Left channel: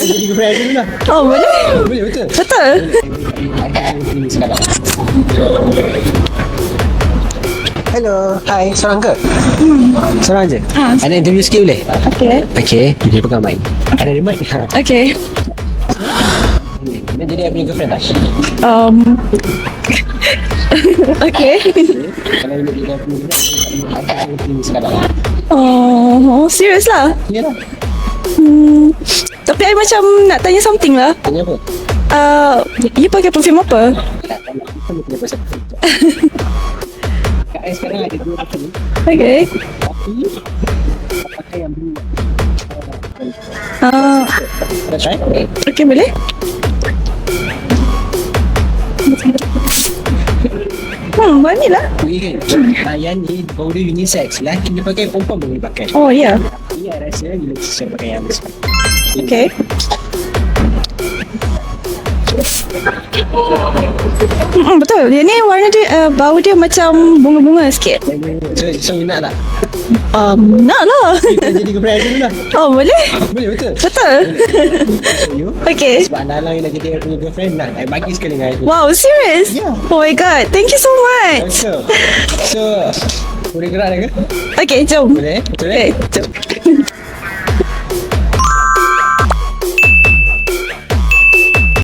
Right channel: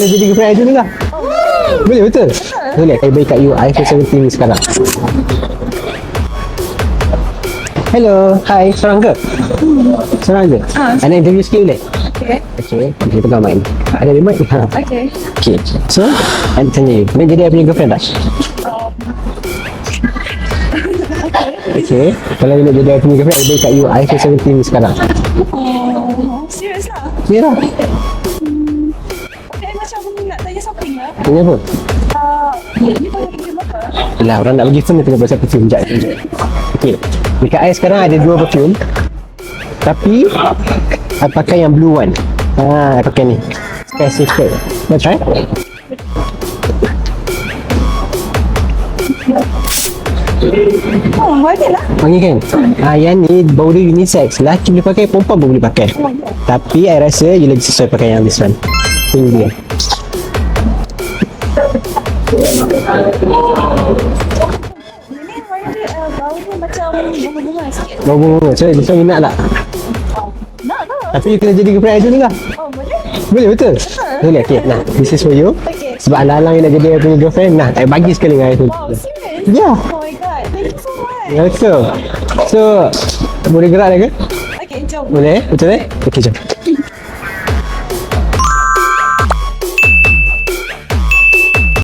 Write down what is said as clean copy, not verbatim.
Kita jadi girlfriend I dulu lah. Oh, boleh. Boleh, betul? Betul. Boleh, I bagi kat you iPhone 17 sekarang. Hello, hi, seorang ke? Seorang je? Ada interview sikit boleh? Okay. Okay, dia pegang mic. Ada remote? Okay. Okay, so, I tanya you, nak jadi I punya girlfriend tak? Okay. Okay, kalau you nak jadi I punya girlfriend, I bagi kat you iPhone 17 sekarang. Oh, serius lah. Ya lah. Tapi I macam nak tanya something lah. Tanya apa? You pakai perfume apa? Yelah, orang nak bagi phone, dia tanya pasal perfume. Sekejap. Okay, dekat I sekarang ada 2 perfume. Okay. Tapi I pakai yang blue one. I pakai ni. Pakai secret. Nak try? Okay, boleh? Wangi lah. Wangi kan? Yang ni bau dia unisex. Lelaki boleh pakai, perempuan pun boleh pakai. Oh, ya. Yeah. Tapi I rasa you lagi sesuai pakai yang this one. Okay. Betul. Dia ni warna dia, bau dia macam bunga-bunga sikit. Bunga-bunga. So, this one you nak tak? Nak lah. Kita jadi girlfriend I dulu lah. Oh, boleh? Boleh, betul? Betul. Boleh, okay. Nah, this is for you. Okay. Sebab alang-alang you nak jadi I punya girlfriend, nah, I bagi sekali dengan I tu. Wow, serious? Yeah. Oh my god. Thank you so much. So, boleh gerak dah ke? Okay, jom. Boleh? Betul Okay. Kita jom.